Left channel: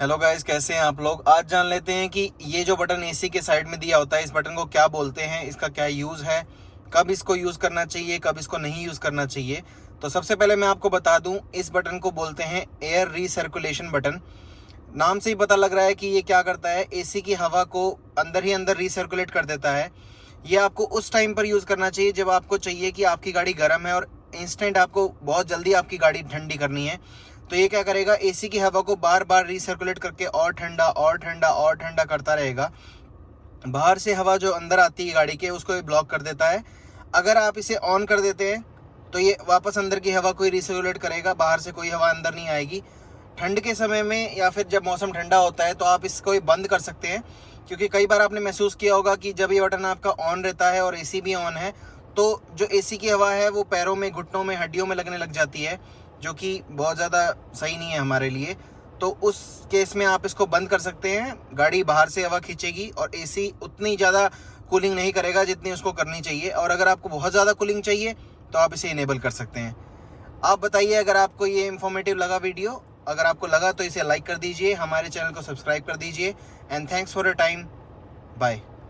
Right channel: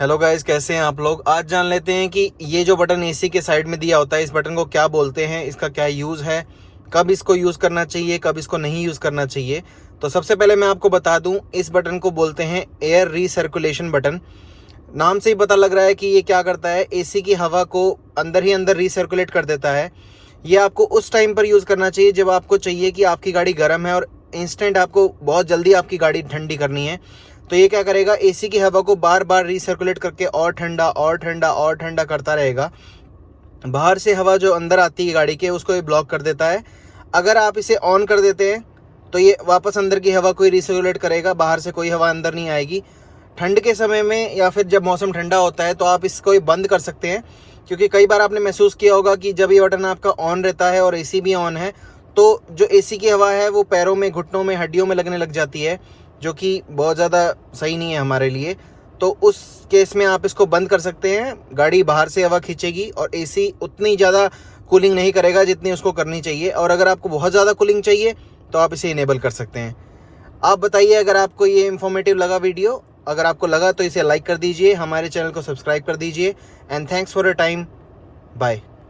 Hello guys, कैसे हैं आप लोग। आज जान लेते हैं कि ये जो बटन एसी के साइड में दिया होता है, इस बटन को क्या बोलते हैं, इसका क्या यूज़ है, कब इसको यूज़ करना चाहिए, कब इसको नहीं यूज़ करना चाहिए। तो सबसे पहले मैं आपको बता दूं, इस बटन को बोलते हैं एयर रीसर्कुलेशन बटन। नाम से ही पता लग रहा है कि ये क्या करता है, एसी की हवा को अंदर ही अंदर रीसर्कुलेट कर देता है। ये आपको उस टाइम पर यूज़ करना चाहिए जब आपको चाहिए कि आपकी गाड़ी गर्म है और इंस्टेंट आपको बहुत जल्दी आपकी गाड़ी ठंडी करनी है। तो ये क्या करेगा, एसी की हवा को बार बार रीसर्कुलेट करके और ठंडा और ठंडा और ठंडा करता रहेगा। बाहर से हवा जो अंदर आती है गाड़ी के, उसको ये ब्लॉक कर देता है। अगर आप इसे ऑन कर देते हैं तो ये वापस अंदर की हवा को ही रिसर्कुलेट करेगा, बाहर से कोई हवा अंदर नहीं आएगी। ठंड के समय में या फिर जब मौसम ठंडा होता है तो आप इसको ये बंद कर सकते हैं, क्योंकि कई बार आपने महसूस किया होगा कि जब ये बटन आपका ऑन रहता है और एसी भी ऑन है तो जो एसी की हवा है वो पैरों में, घुटनों में, हड्डियों में लगने लग जाती है, जो कि बहुत ज़्यादा सही नहीं है हमारे लिए। तो उस केस में आप इसको बंद कर सकते हैं। गाड़ी बाहर से हवा खींचेगी और एसी उतनी ज़्यादा कूलिंग नहीं करेगा जितनी उसको करनी चाहिए। और अगर आपको बहुत ज़्यादा कूलिंग चाहिए तो आप इसे इनेबल कर सकते हैं। आप बताइए, अगर आपको ये इन्फॉर्मेटिव लगा वीडियो, अगर आपको लगा तो इसे लाइक कर दीजिए, हमारे चैनल को सब्सक्राइब कर दीजिए। And thanks for your time. Bye.